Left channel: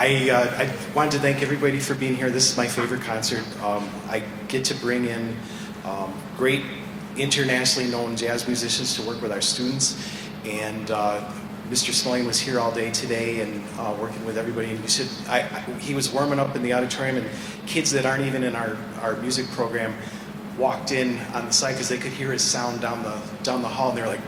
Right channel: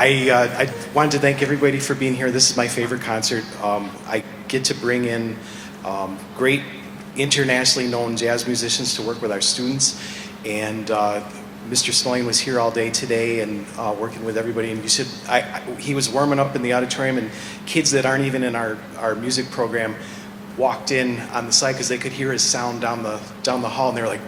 I wanted to thank everybody for being here. This is my favorite concert. I get to bring in great internationally known jazz musicians to work with our students, and Mr. Smulyan was here all day today and working with everybody. And he was warming up in the auditorium, and kids that aren't even in our music program walked in on the side because they could hear his sound down the hall, and they're like,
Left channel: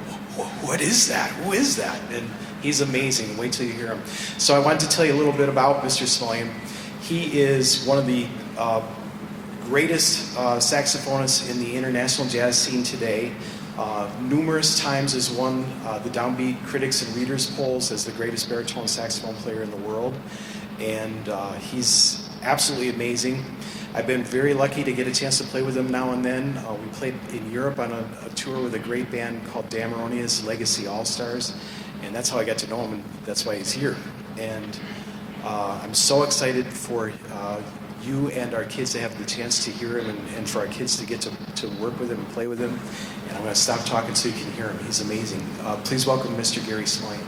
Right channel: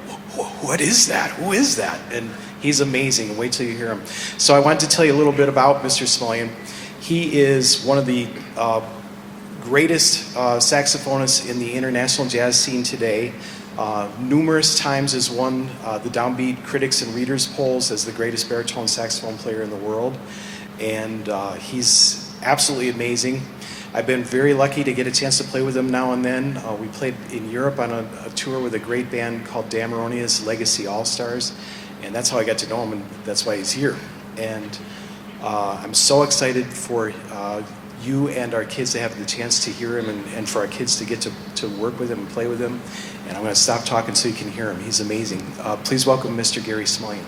"What is that? Who is that?" And he's amazing. Wait till you hear him. So I wanted to tell you a little bit about Mr. Smulyan. He is one of the greatest saxophonists in the international jazz scene today. Numerous times has won the Downbeat Critics and Readers polls as the greatest baritone saxophone player in the world. And he's absolutely amazing. I've been very lucky to get a chance to play with him now and then. We played in Europe on a tour with a great band called Damaronia's Legacy All-Stars. And that's how I got to know him, and that's why he's here. And I'm so excited for you and our kids to have the chance to hear him, and for our kids to get to work with him and play with him. And I'm going to stop talking so you can hear him. He's amazing. Please welcome Mr. Gary Smulyan.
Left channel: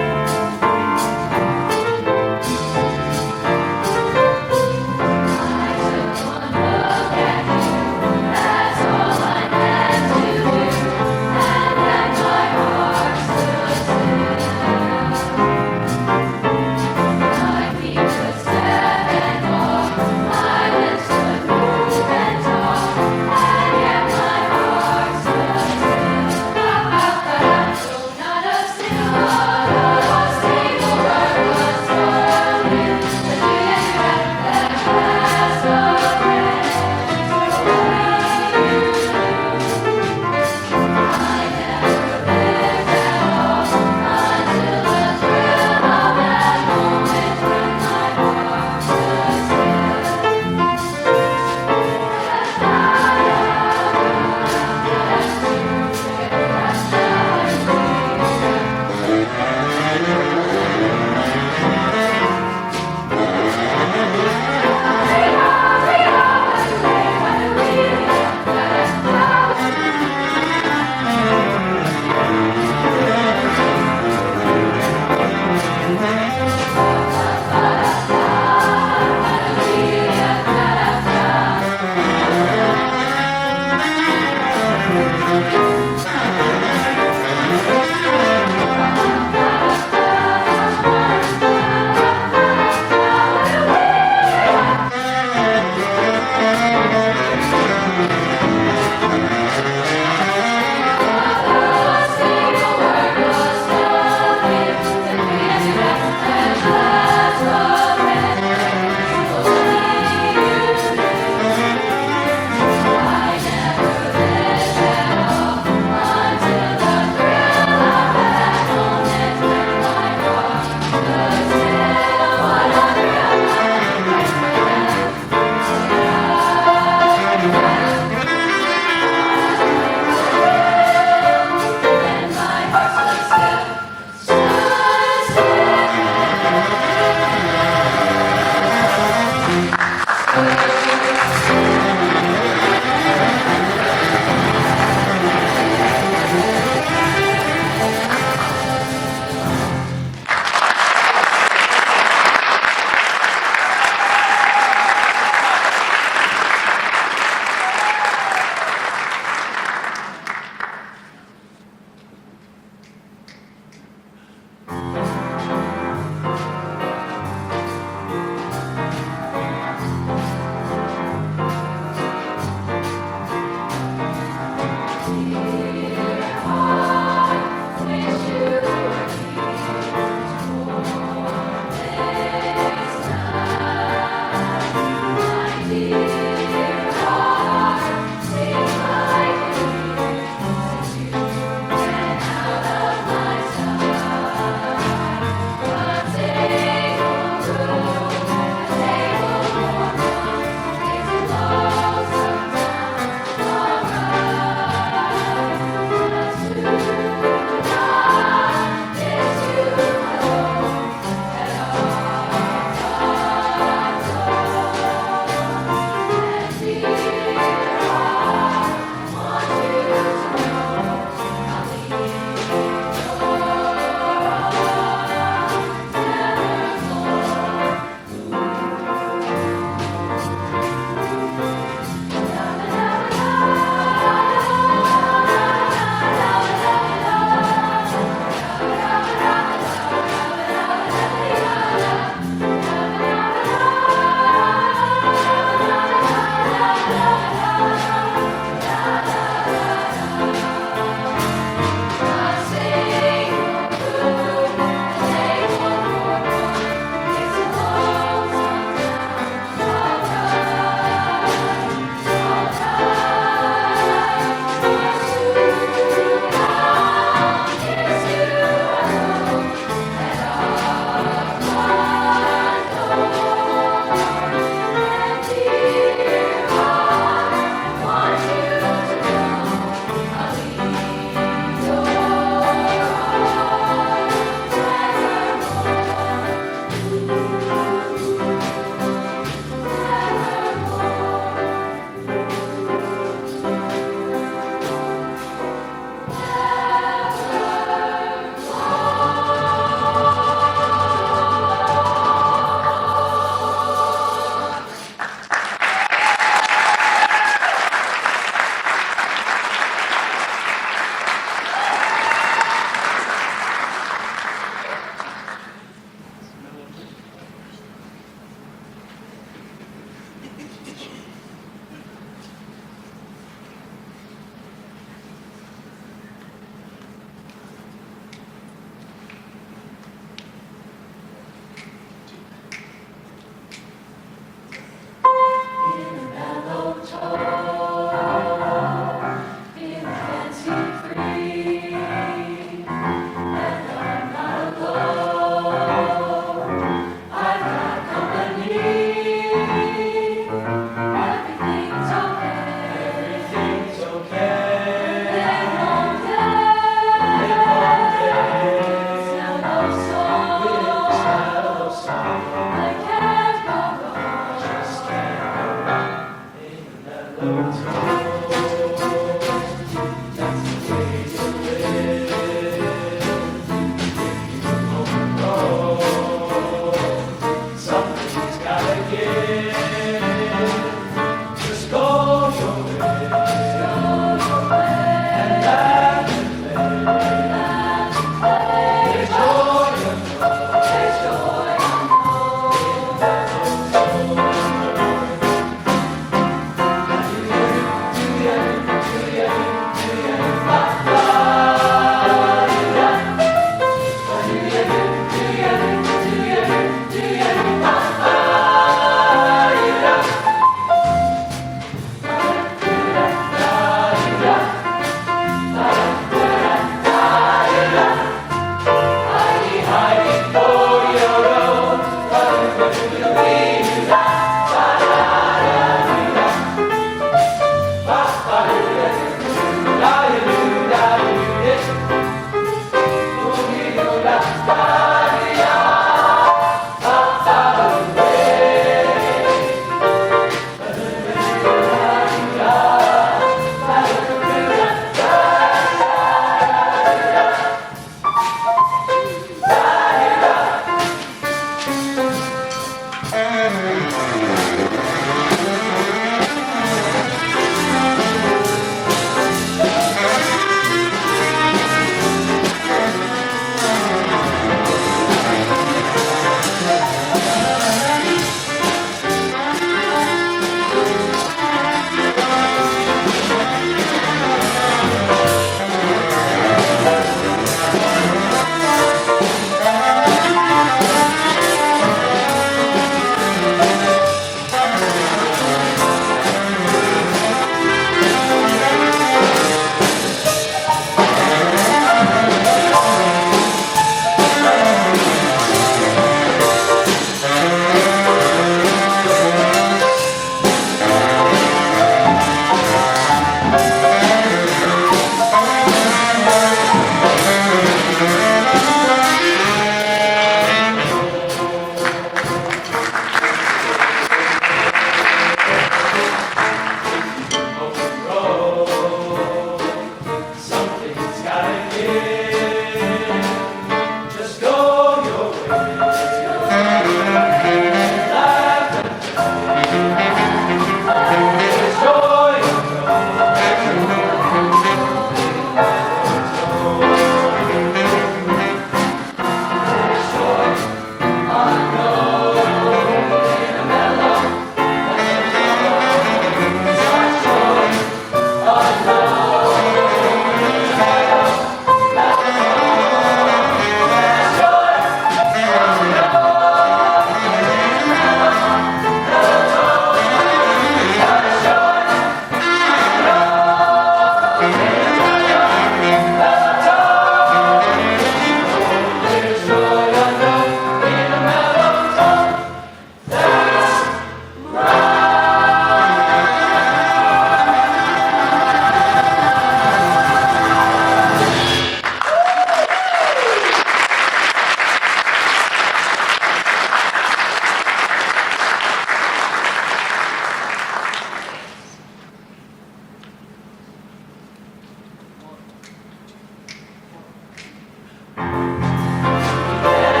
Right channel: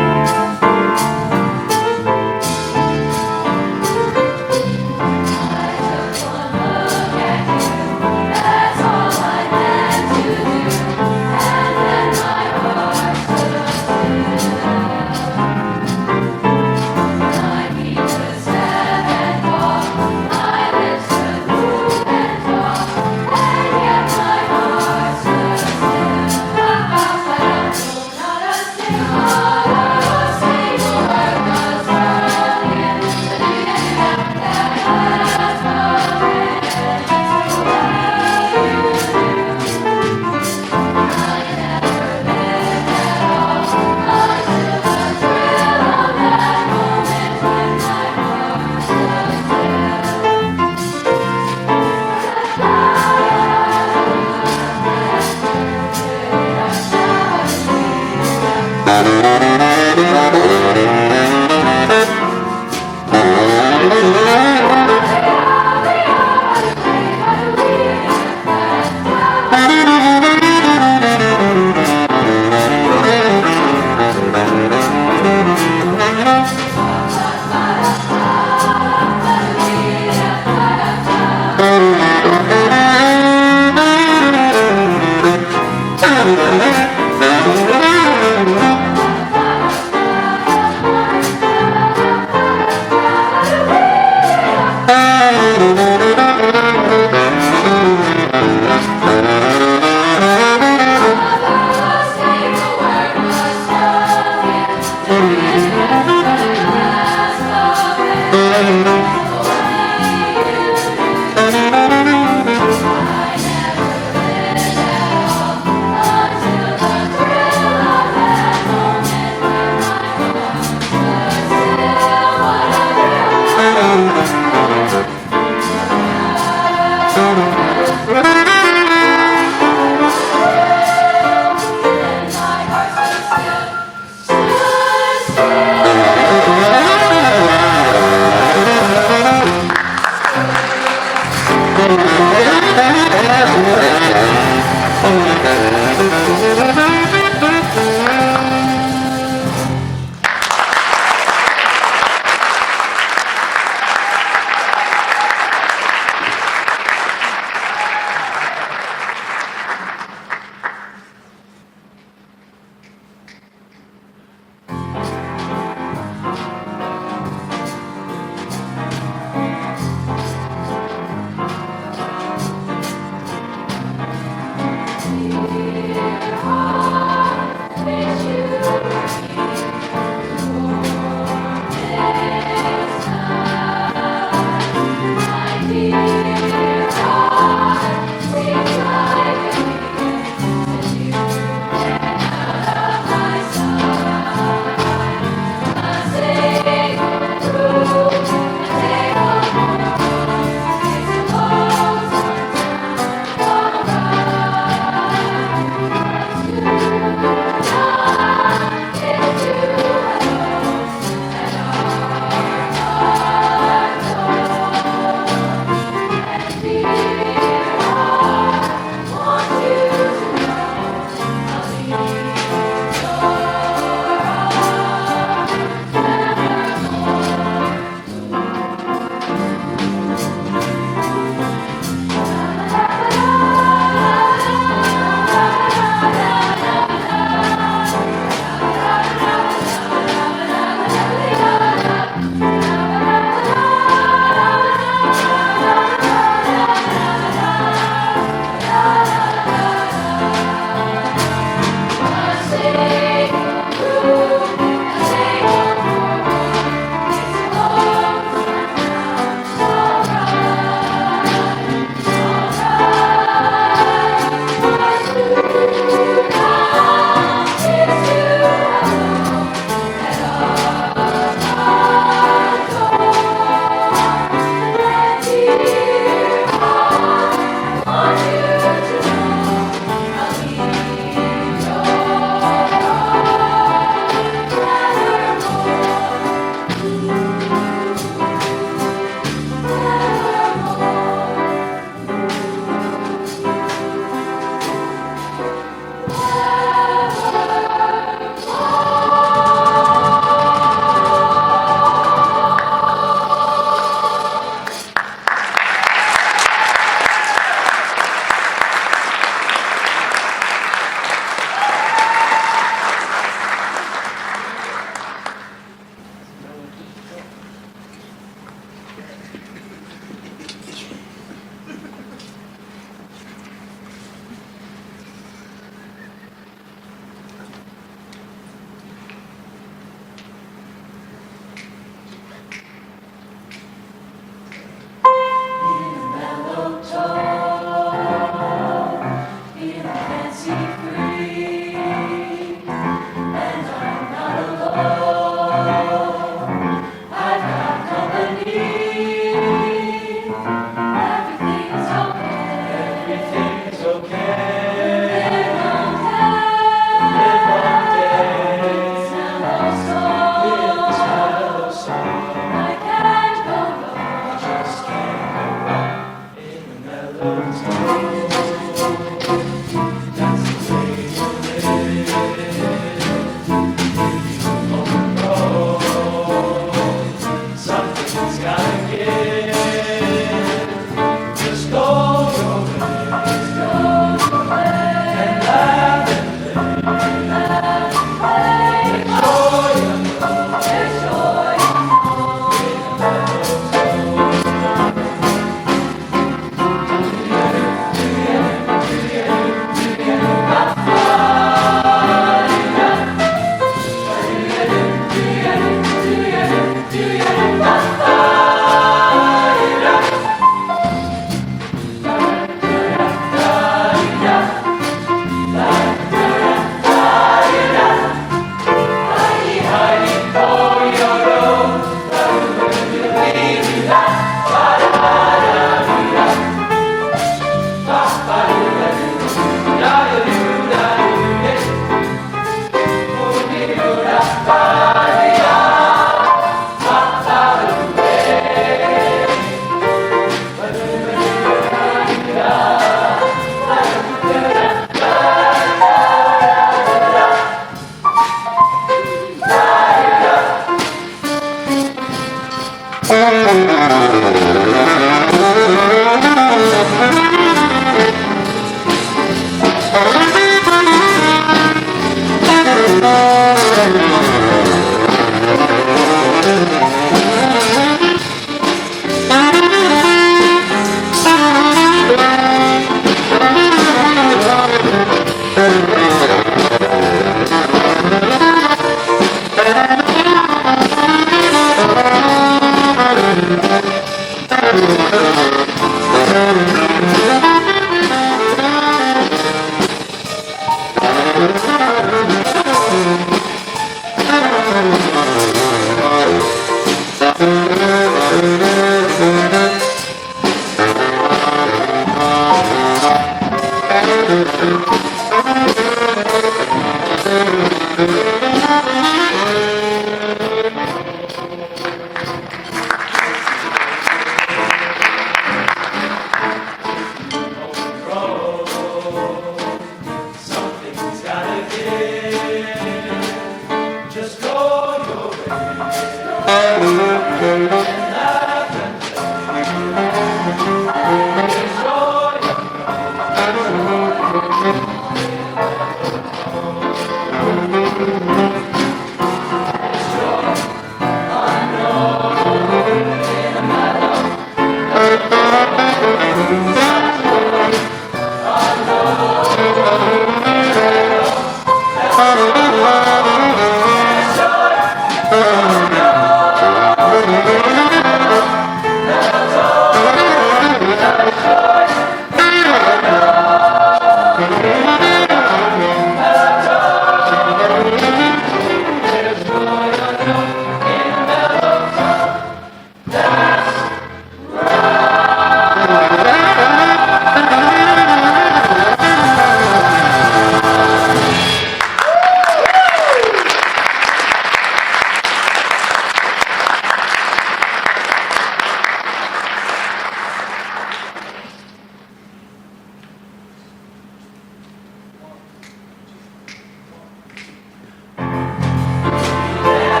Yeah.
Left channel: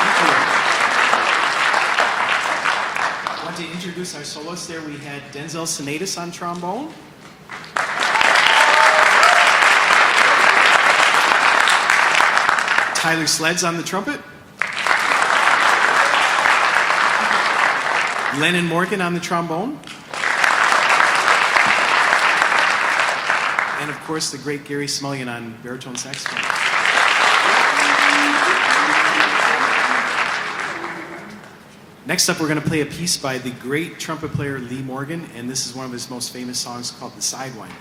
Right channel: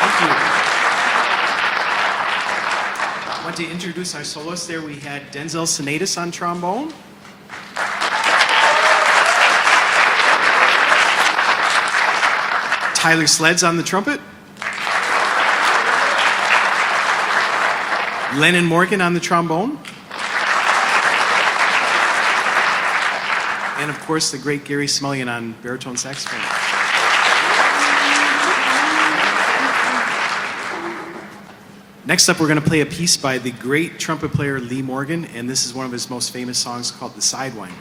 Thank you. I want to introduce our soloists there. We had Denzel Seneca on trombone. Tyler Sleds on the trumpet. Lennon Morgan on the trombone. And of course, the great Gary Smulyan on baritone saxophone. Next up, we're going to play a piece by the great trumpet player Lee Morgan, and this is one of his most famous songs called the Sidewinder.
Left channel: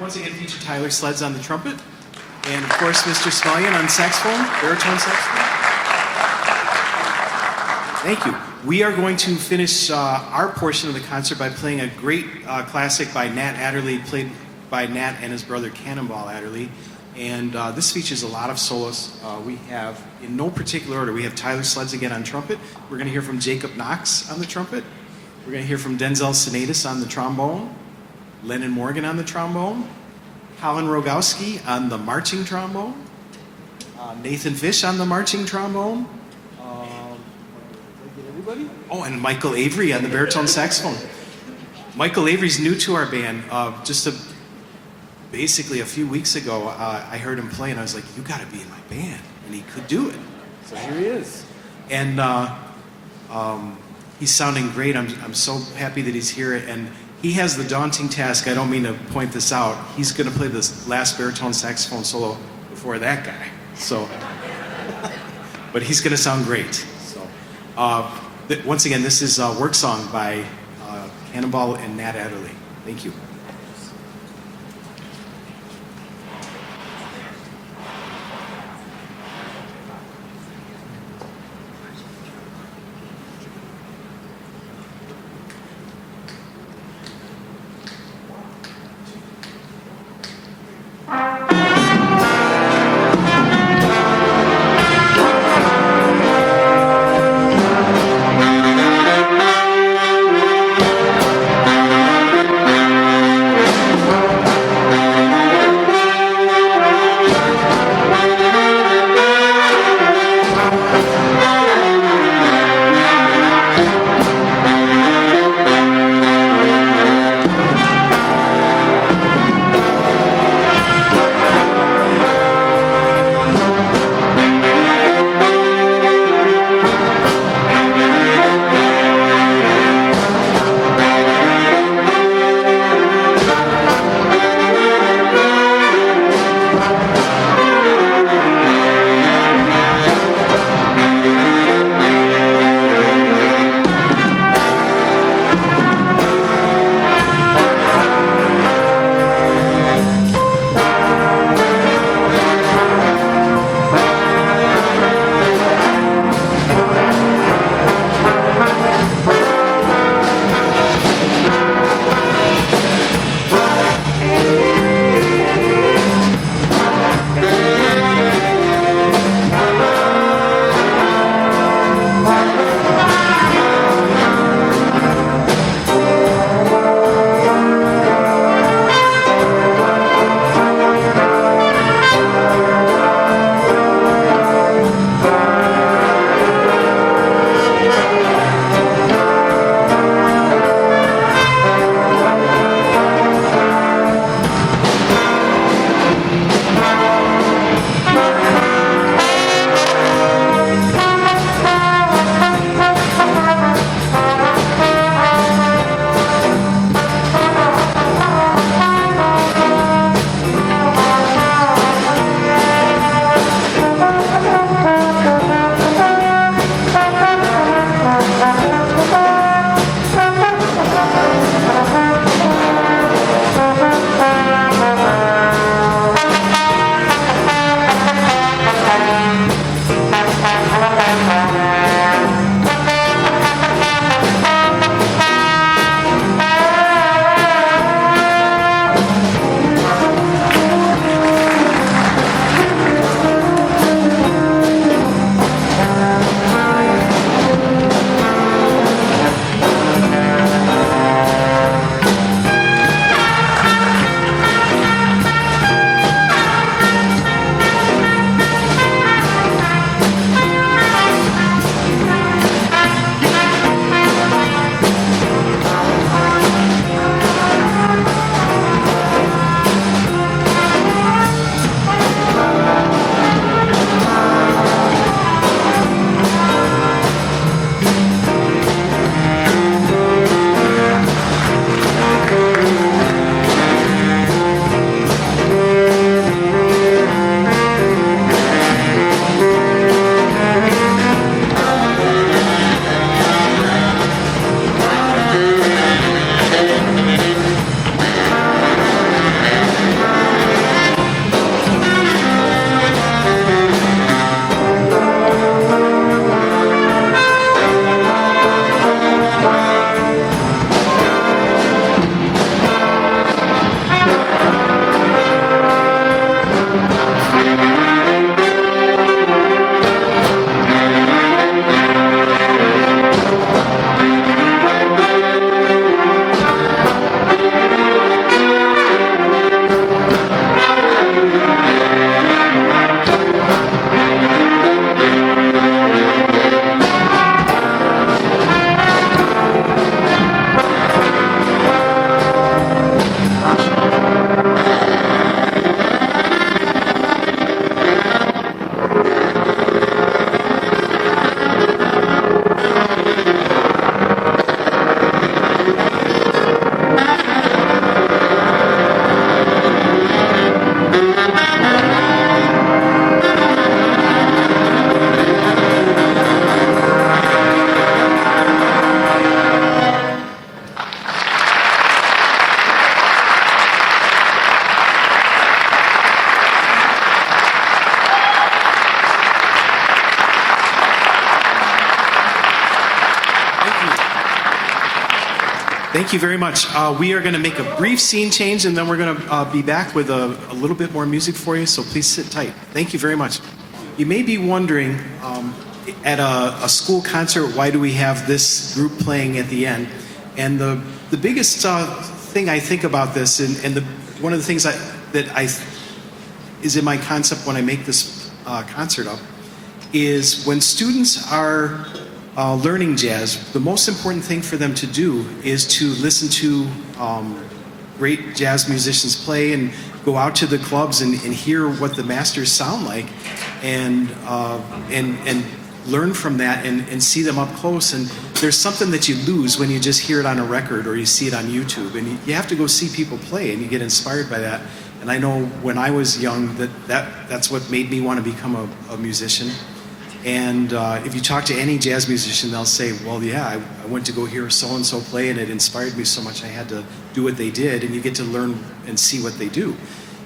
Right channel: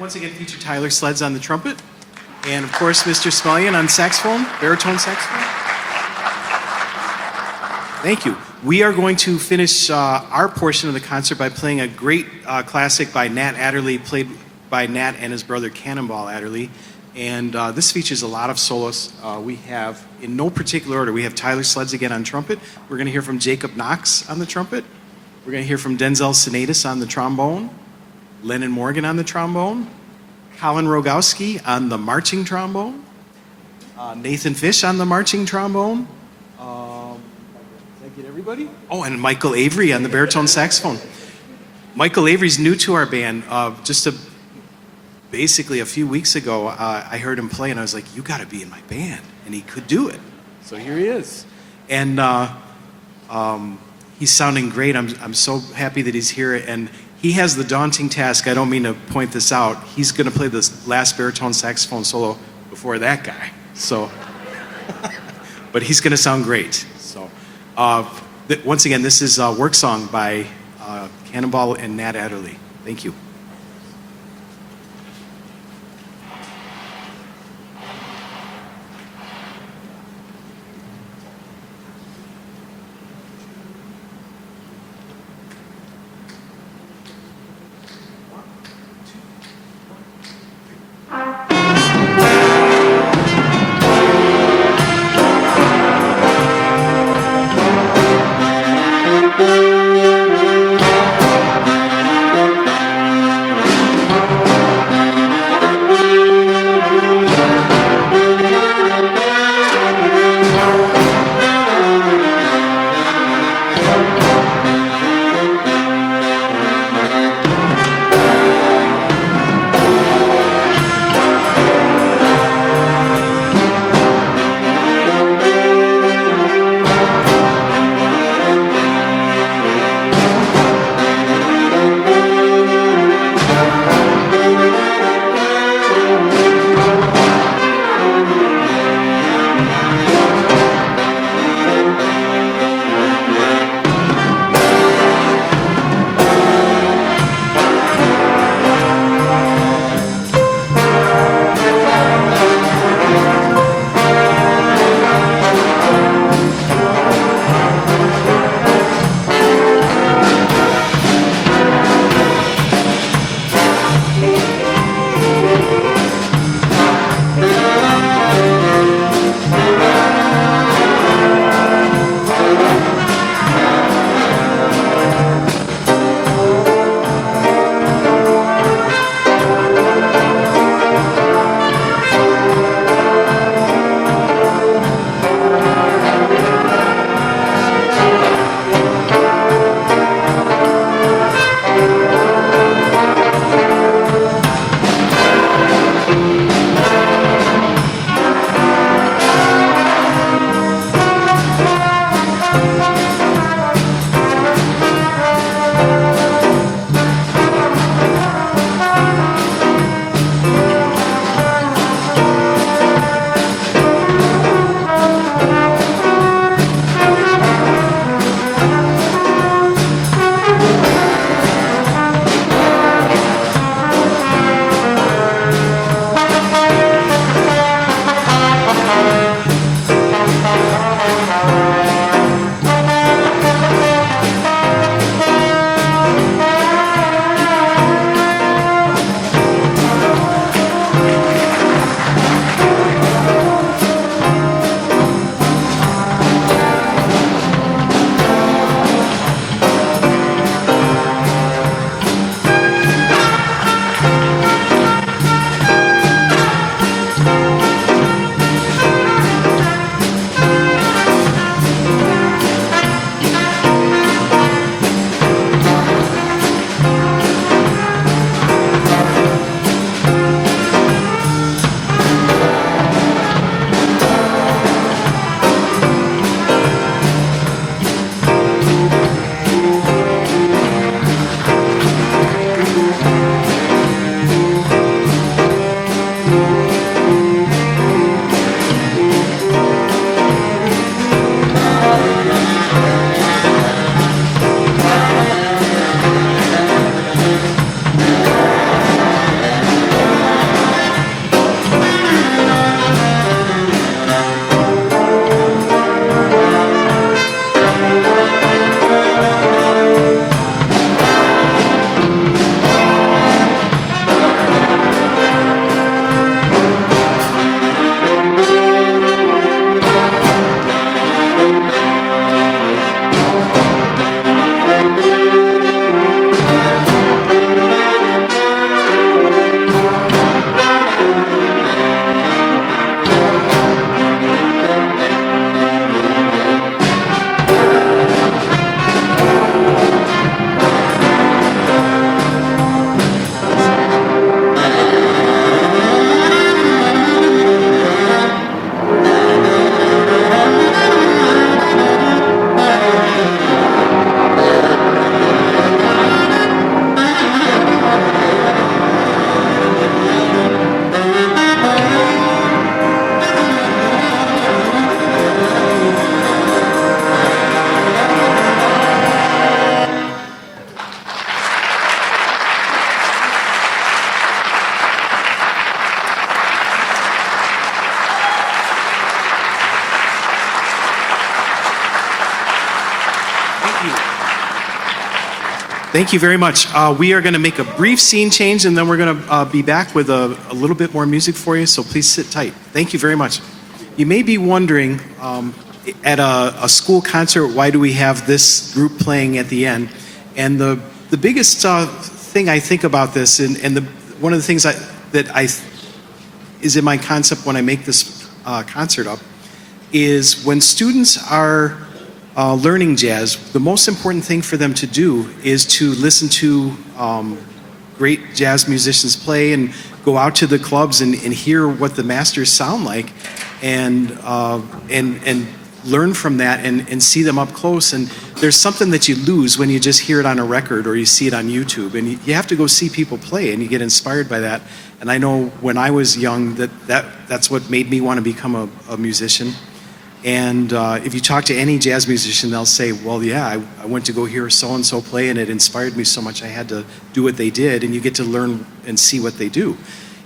Once again feature Tyler Sleds on the trumpet, and of course Mr. Smulyan on saxophone, baritone saxophone. Thank you. We are going to finish our portion of the concert by playing a great classic by Nat Adderley, played by Nat and his brother Cannonball Adderley. And this features a lot of solos. We have, in no particular order, we have Tyler Sleds again on trumpet. We're going to hear from Jacob Knox on the trumpet. We're going to hear from Denzel Seneca on the trombone, Lennon Morgan on the trombone, Colin Rogowski on the marching trombone, Nathan Fish on the marching trombone. Did I get everybody? Oh, and Michael Avery on the baritone saxophone. Michael Avery's new to our band. Basically a few weeks ago, I heard him play, and I was like, "You got to be in my band," and he could do it. So here he is, and he's sounding great. I'm so happy that he's here, and he has the daunting task, I don't mean to point this out, he's going to play the last baritone saxophone solo before that guy. So, but he's going to sound great. So, once again, this is Work Song by Cannonball and Nat Adderley. Thank you. Thank you very much. We are going to make a brief scene change, and then we're going to be back with a little bit more music for you, so please sit tight. Thank you very much. You may be wondering, at a school concert, why do we have this group playing at the end? And the biggest thing I think about this, and one of the things that is in my concept when I make this concert up, is when students are learning jazz, the most important thing for them to do is to listen to great jazz musicians play and go out to the clubs and hear what the masters sound like, and learn from that and see them up close. And there's something that you lose when you just hear it on a record or you see it on YouTube. And you have to go see people play, and you get inspired by that. And I know when I was young that's what made me want to become a musician. And if you talk to any jazz musician, they'll say, well, yeah, I went to go hear so-and-so play, and it inspired me so much I had to do what they did, and you get to learn and see what they do.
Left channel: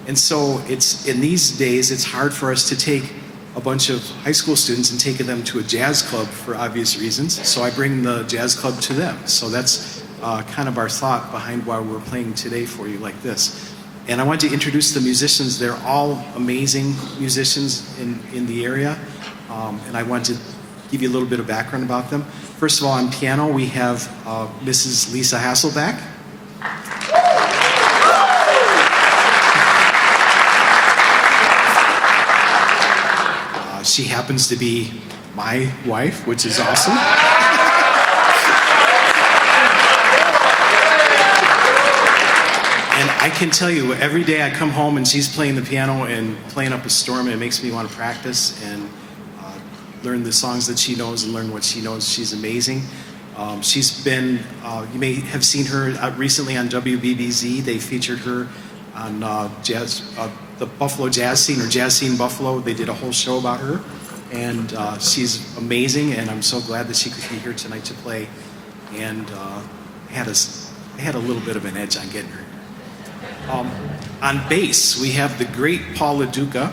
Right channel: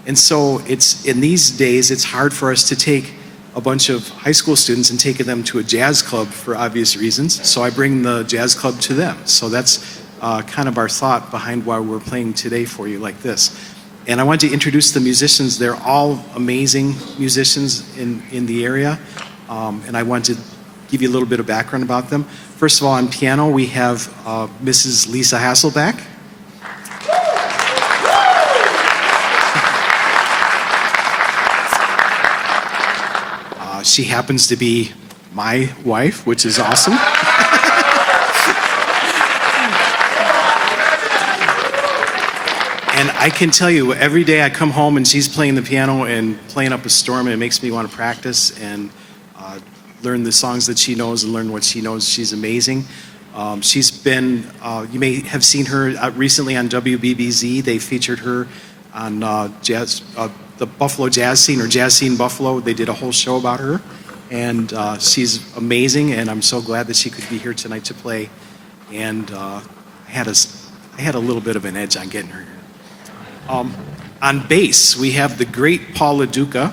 And so in these days, it's hard for us to take a bunch of high school students and take them to a jazz club for obvious reasons. So I bring the jazz club to them. So that's kind of our thought behind why we're playing today for you like this. And I want to introduce the musicians. They're all amazing musicians in the area. And I want to give you a little bit of background about them. First of all, on piano, we have Mrs. Lisa Hasselback. She happens to be my wife, which is awesome. And I can tell you, every day I come home and she's playing the piano and playing up a storm, and it makes me want to practice and learn the songs that she knows and learn what she knows. She's amazing. She's been, you may have seen her recently on WBBZ. They featured her on the Buffalo Jazz Scene, or Jazz Scene Buffalo. They did a whole show about her. And she's amazing, and I'm so glad that she could be here tonight to play. And I had a little bit of an edge on getting her here. On bass, we have the great Paul LaDuca.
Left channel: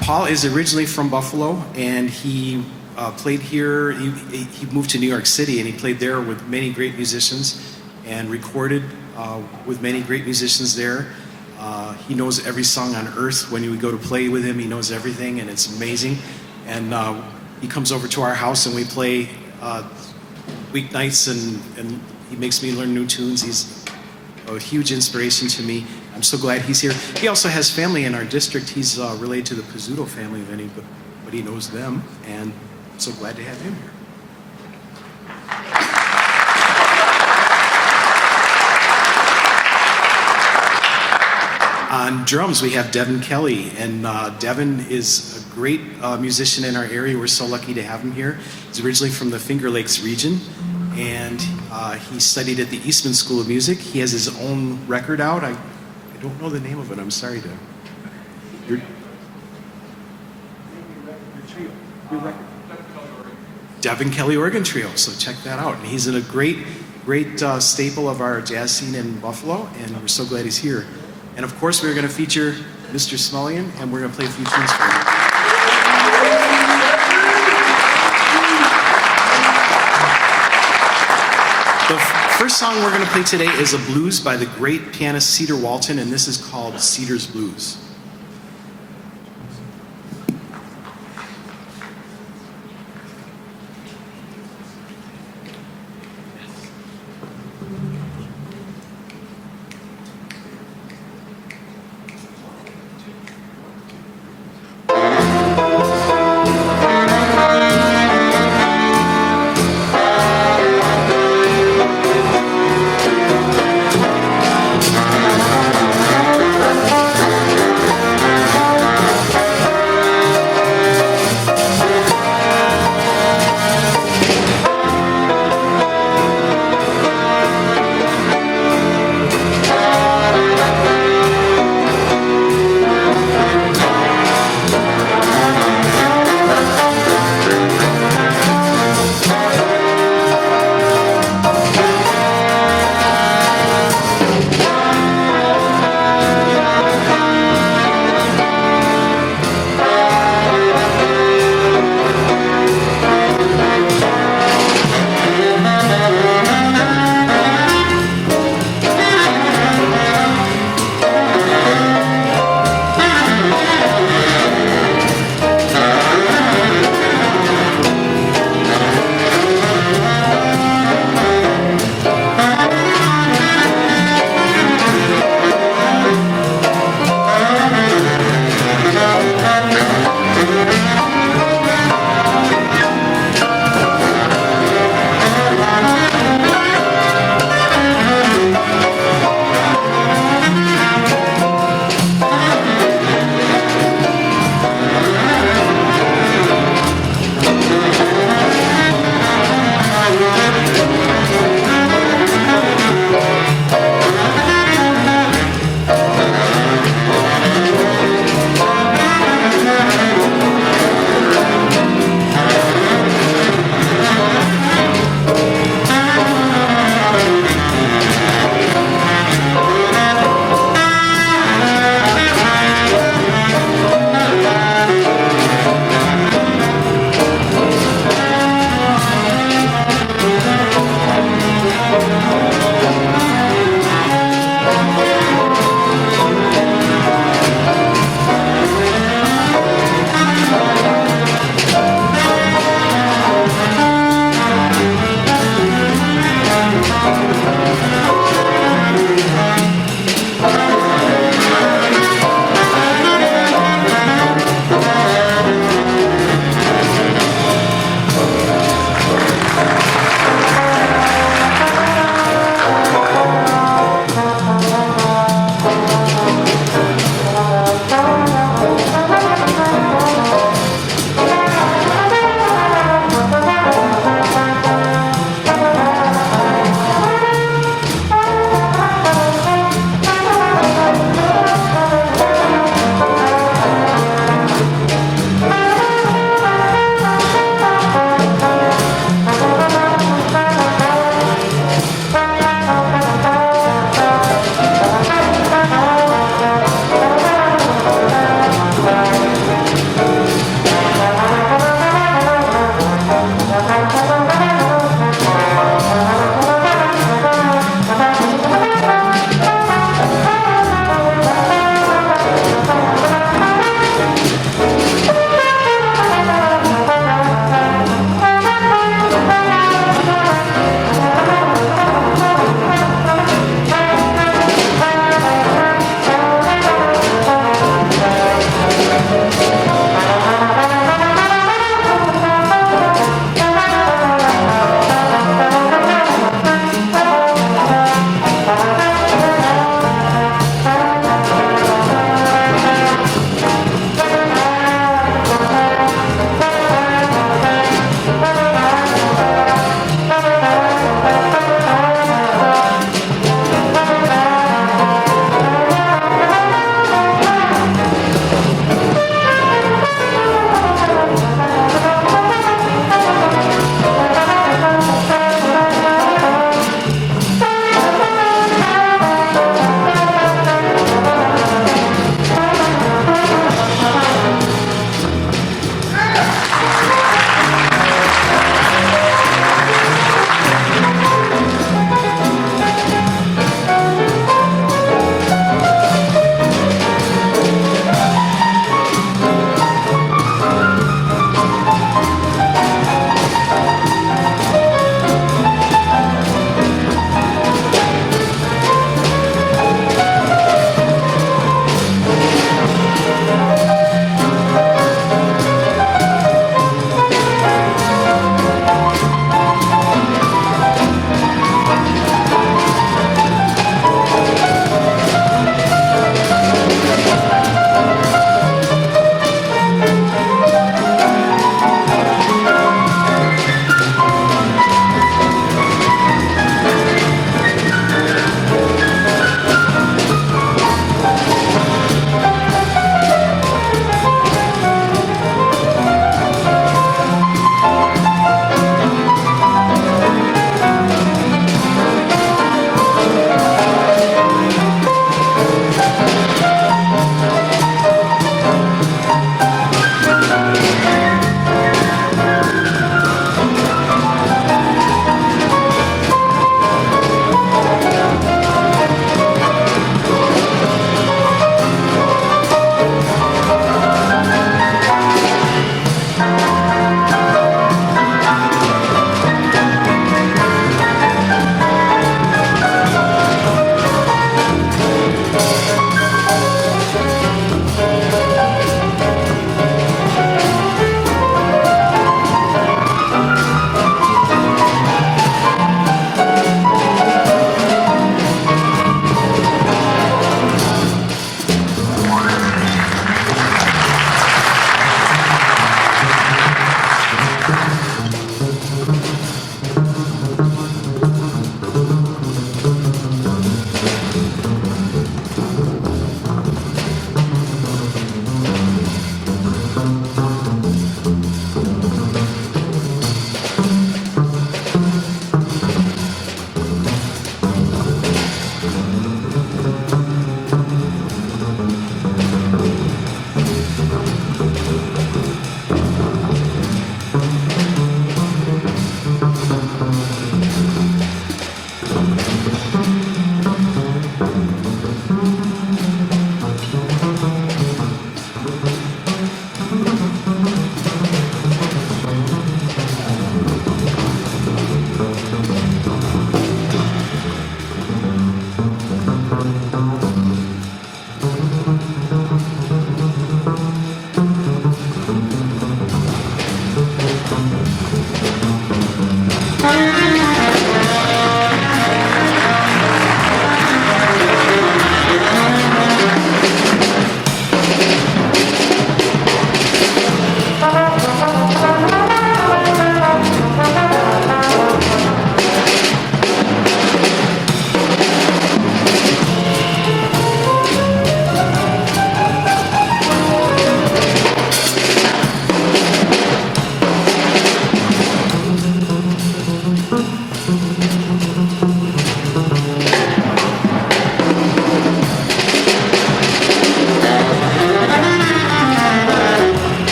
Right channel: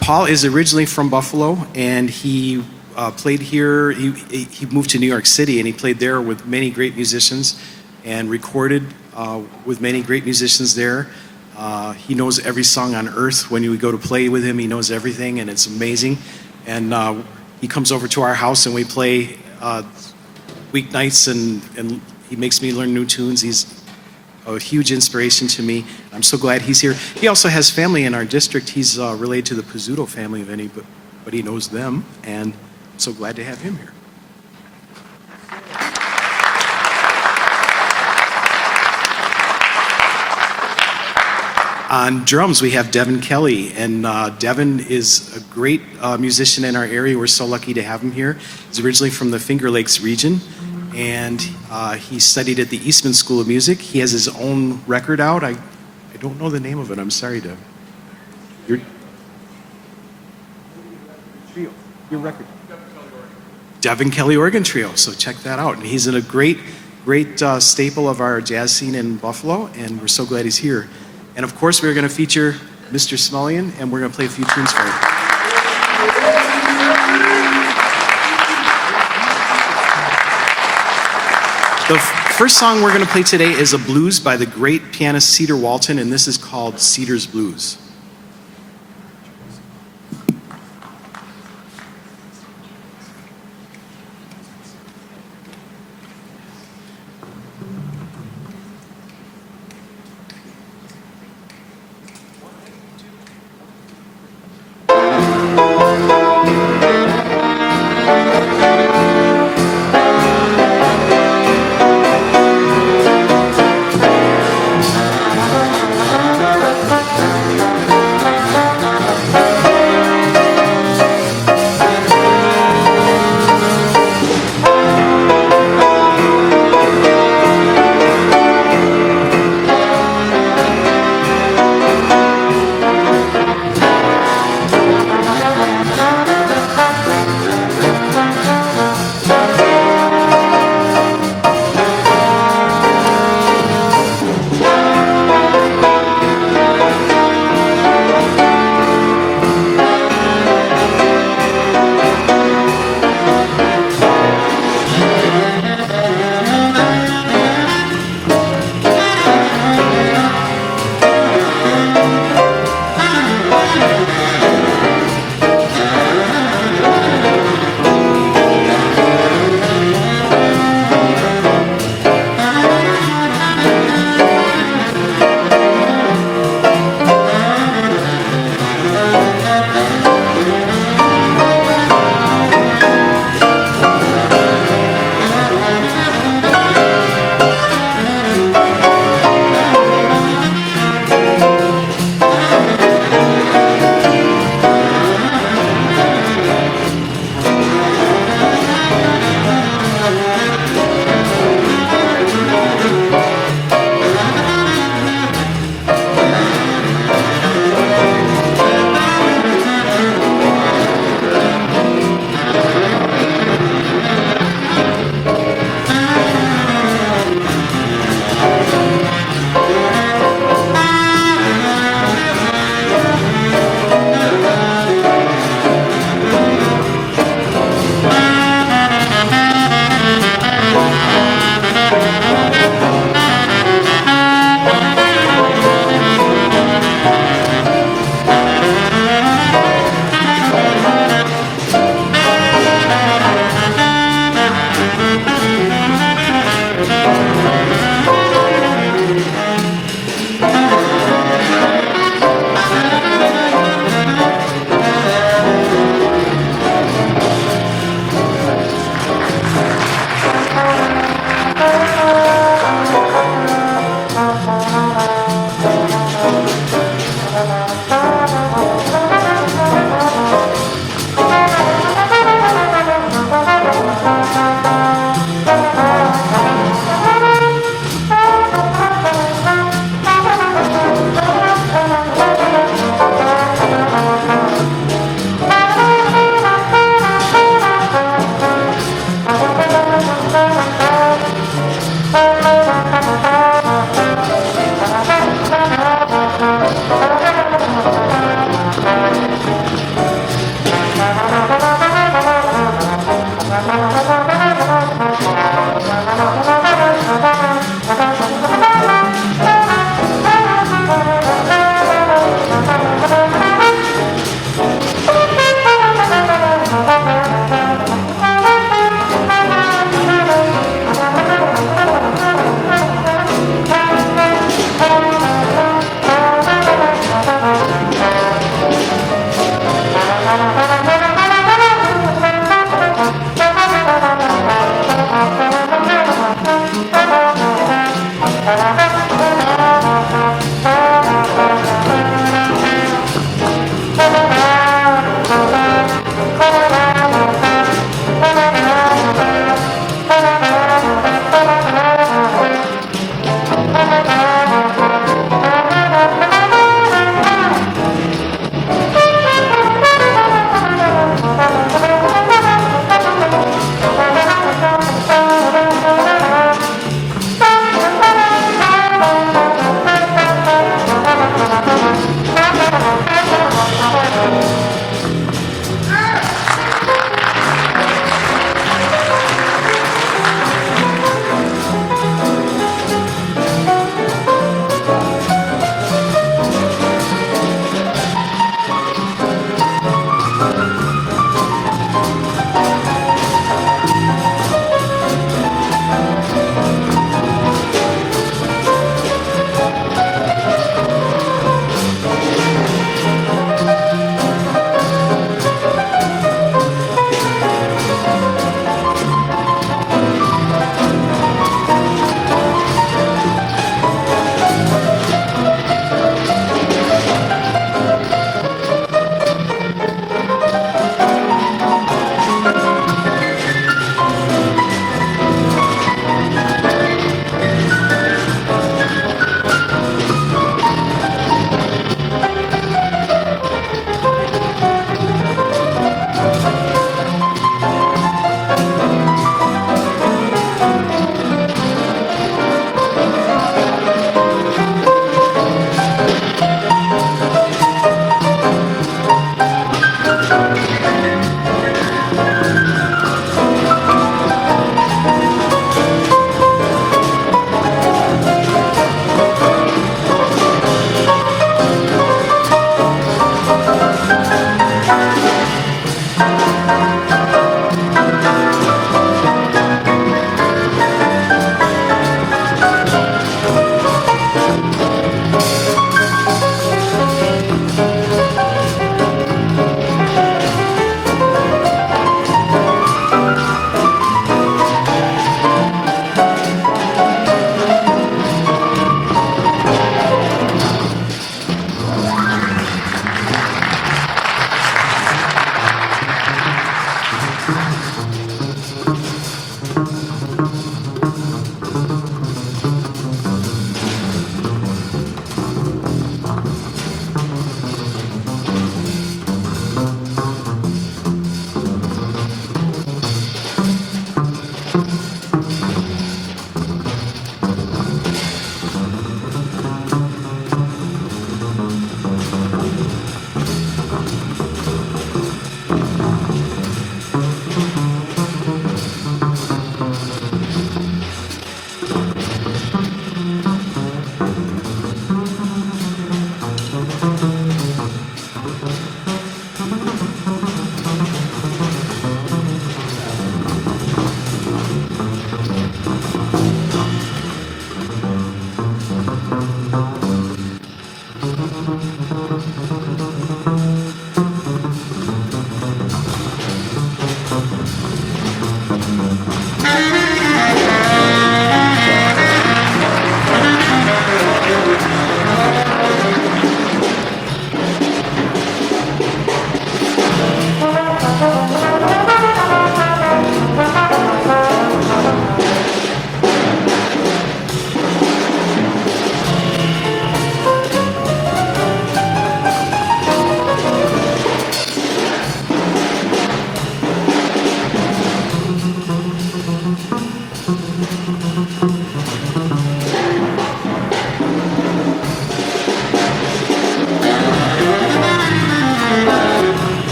Paul is originally from Buffalo, and he played here. He moved to New York City, and he played there with many great musicians and recorded with many great musicians there. He knows every song on earth. When we go to play with him, he knows everything, and it's amazing. And he comes over to our house, and we play weeknights, and he makes me learn new tunes. He's a huge inspiration to me. I'm so glad he's here. He also has family in our district. He's related to the Pizzuto family, if anybody knows them, and I'm so glad to have him here. On drums, we have Devin Kelly, and Devin is a great musician in our area. We're so lucky to have him here. He's originally from the Finger Lakes region, and he studied at the Eastman School of Music. He has his own record out. I don't know the name of it. I'm sorry to... Your trio. Your record. Devin Kelly Organ Trio. So check that out. And he's in a great staple of our jazz scene in Buffalo, and we're so glad he's here. And of course, we're going to feature Mr. Smulyan, and we're going to play a few tunes for him. The first song we're going to play today is a blues by the great pianist Cedar Walton, and this is called Cedar's Blues.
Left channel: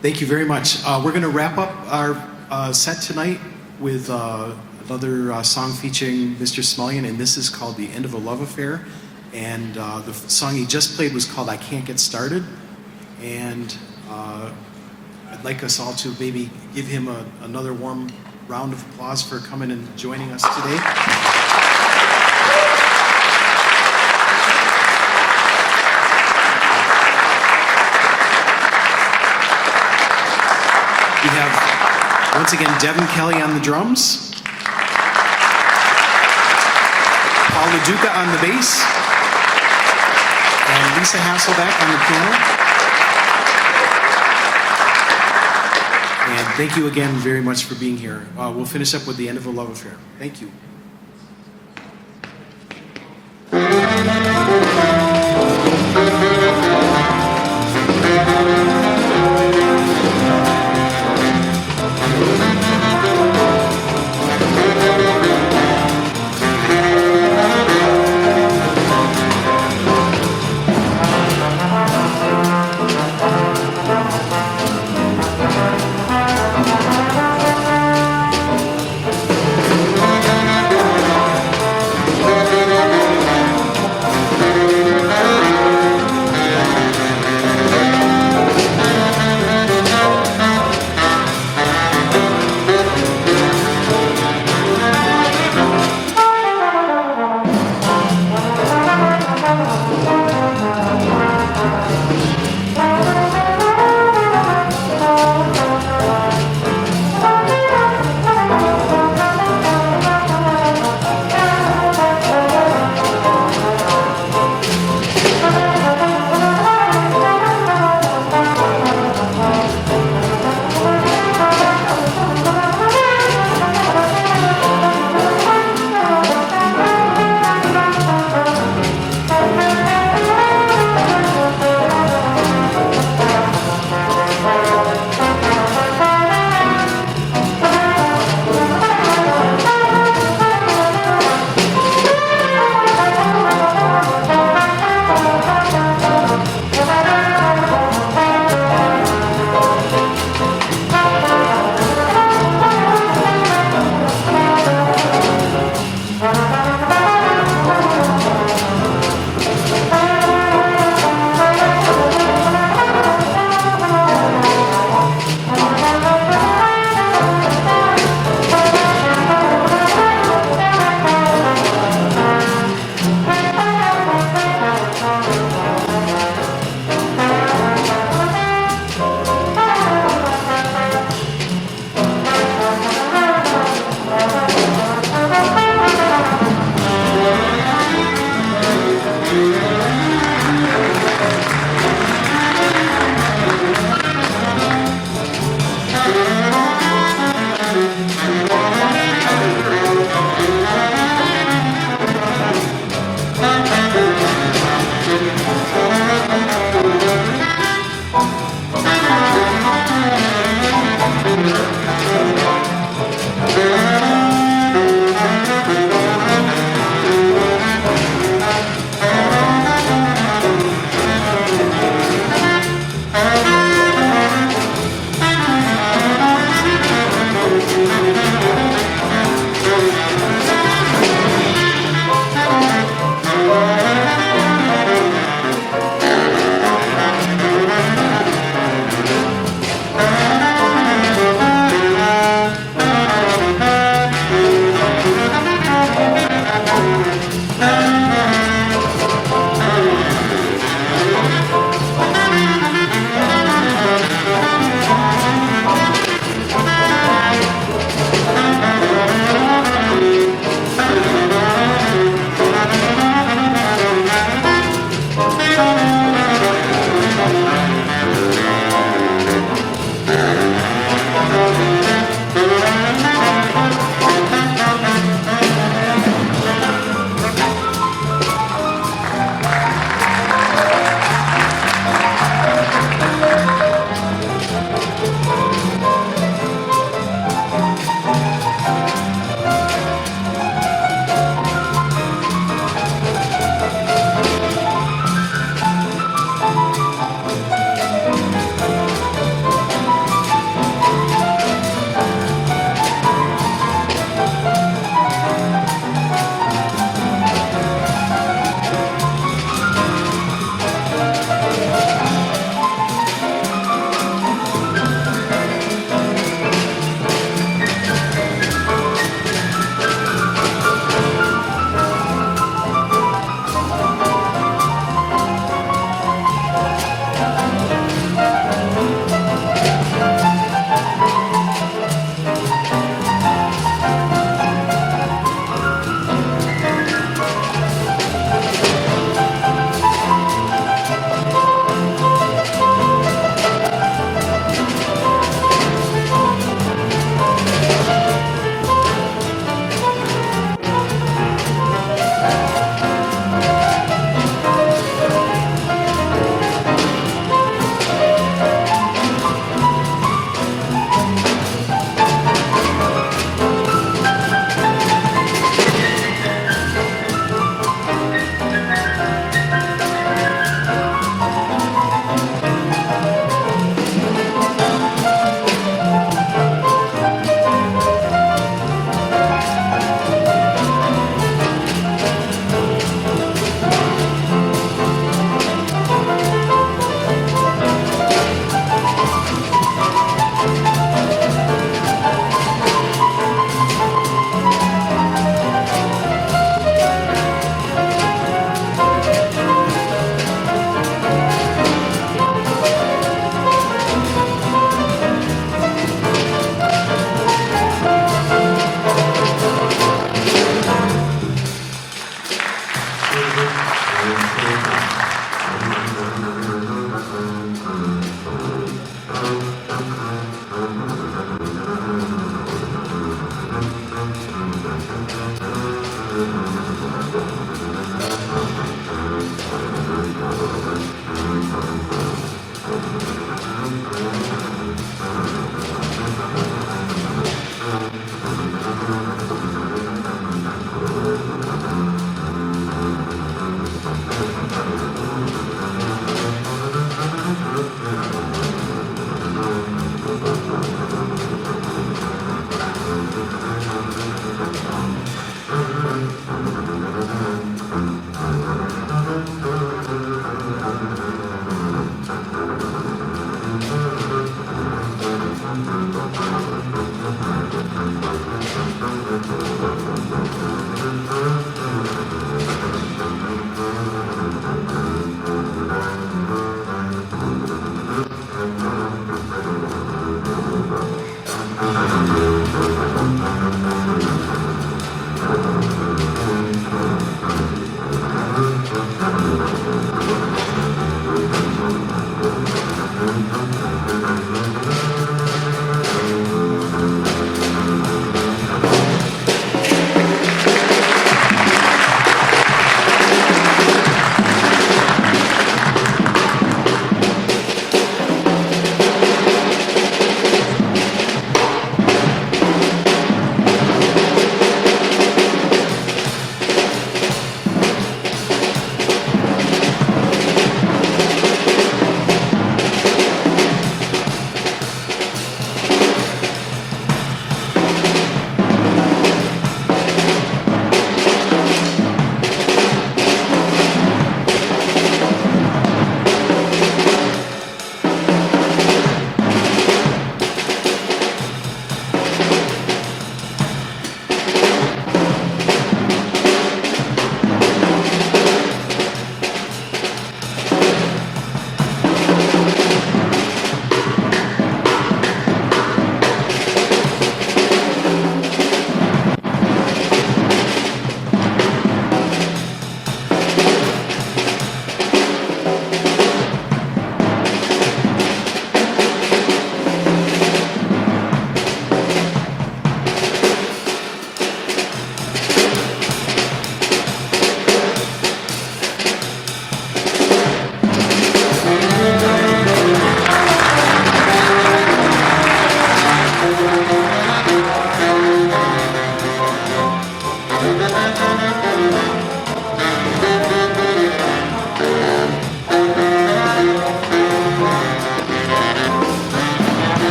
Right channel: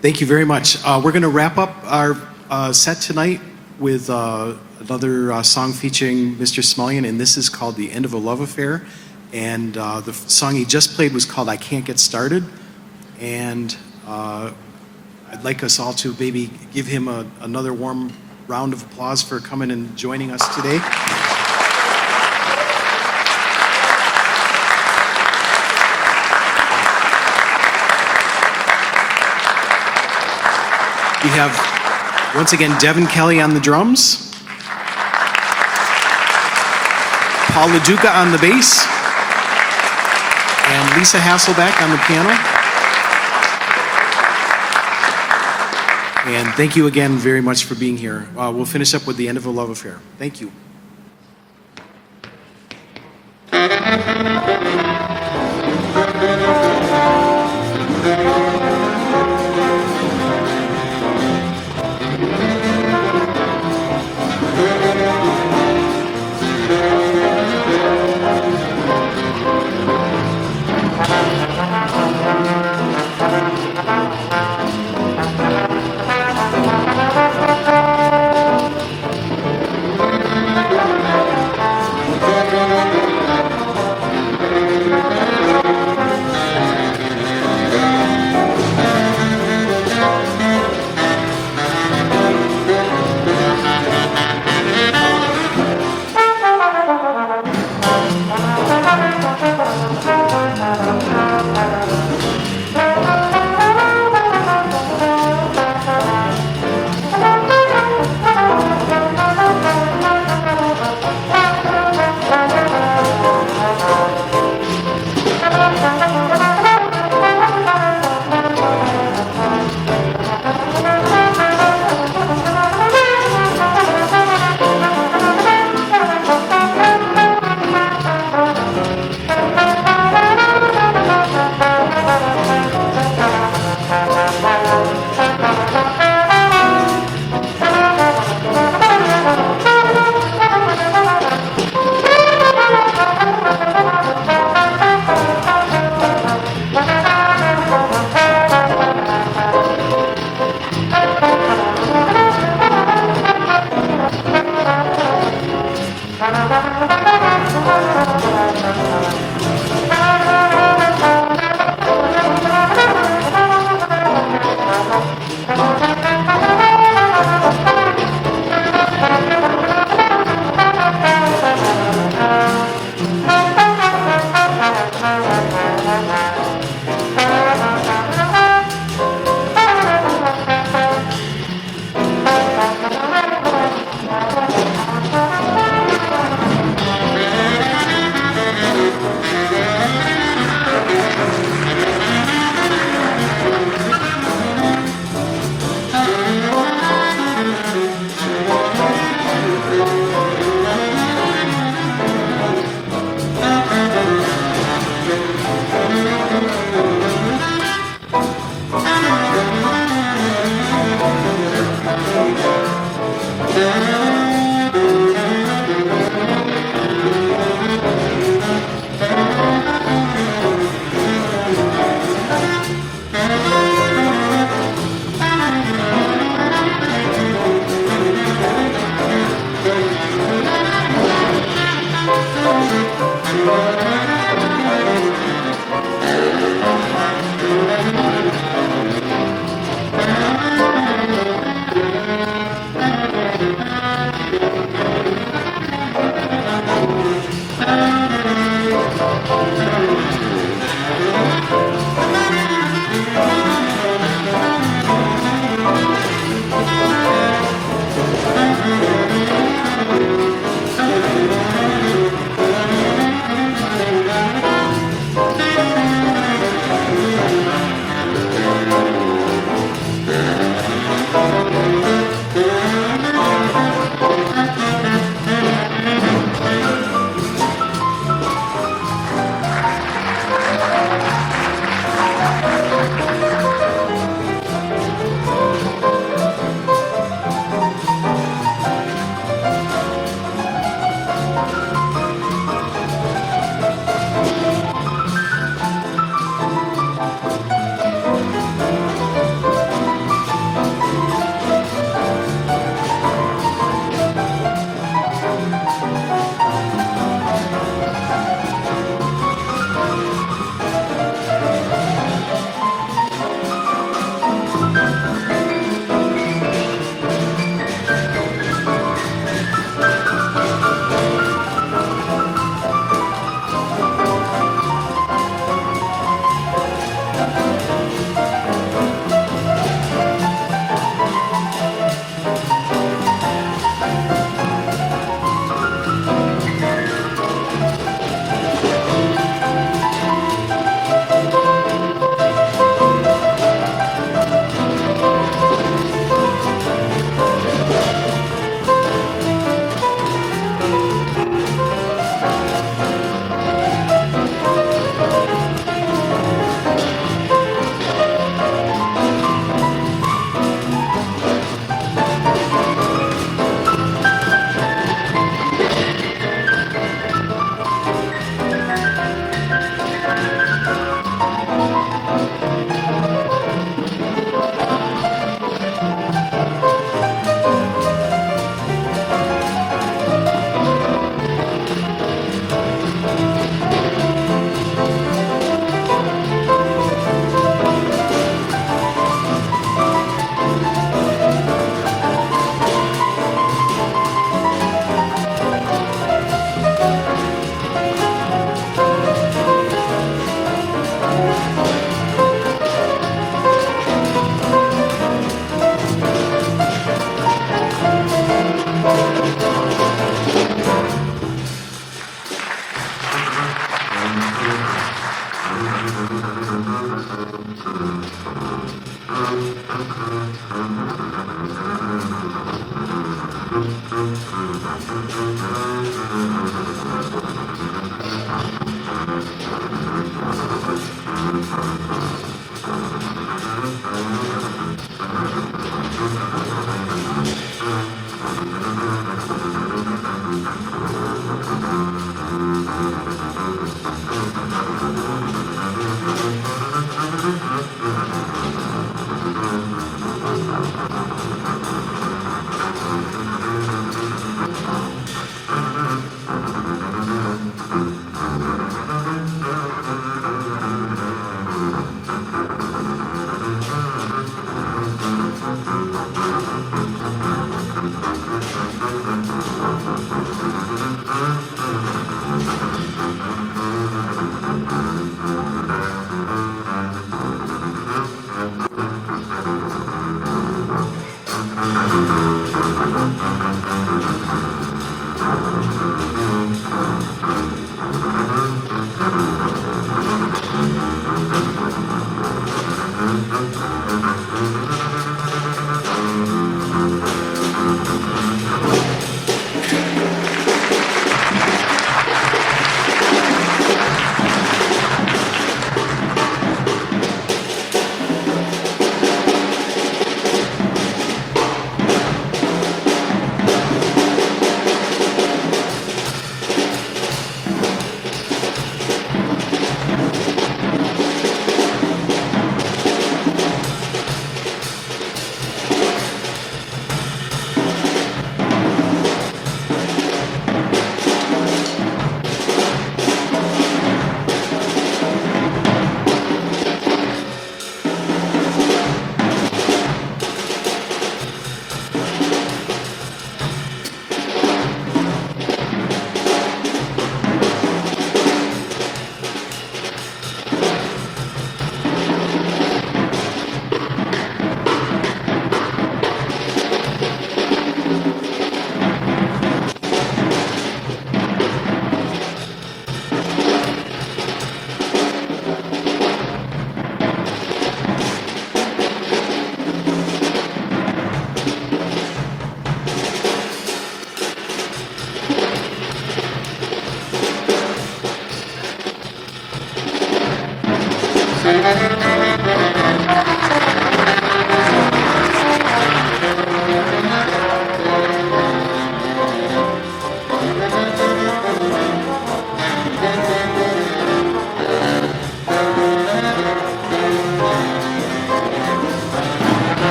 Thank you very much. We're going to wrap up our set tonight with another song featuring Mr. Smulyan, and this is called The End of a Love Affair. And the song he just played was called I Can't Get Started. And I'd like us all to maybe give him another warm round of applause for coming and joining us today. We have, once again, Devin Kelly on the drums, Paul LaDuca on the bass, and Lisa Hasselbeck on the piano. And thank you again very much for being here. We'll finish up with The End of a Love Affair. Thank you.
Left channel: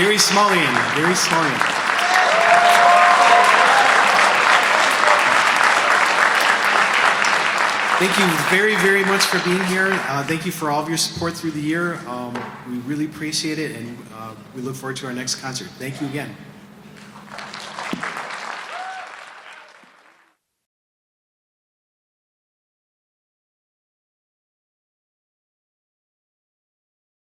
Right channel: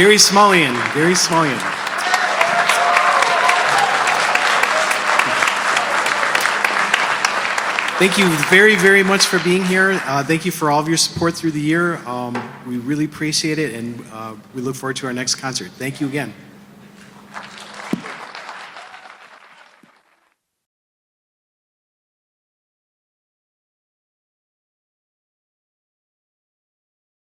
Gary Smulyan. Gary Smulyan. Thank you very, very much for being here. Thank you for all of your support through the year. We really appreciate it, and we look forward to our next concert. Thank you again.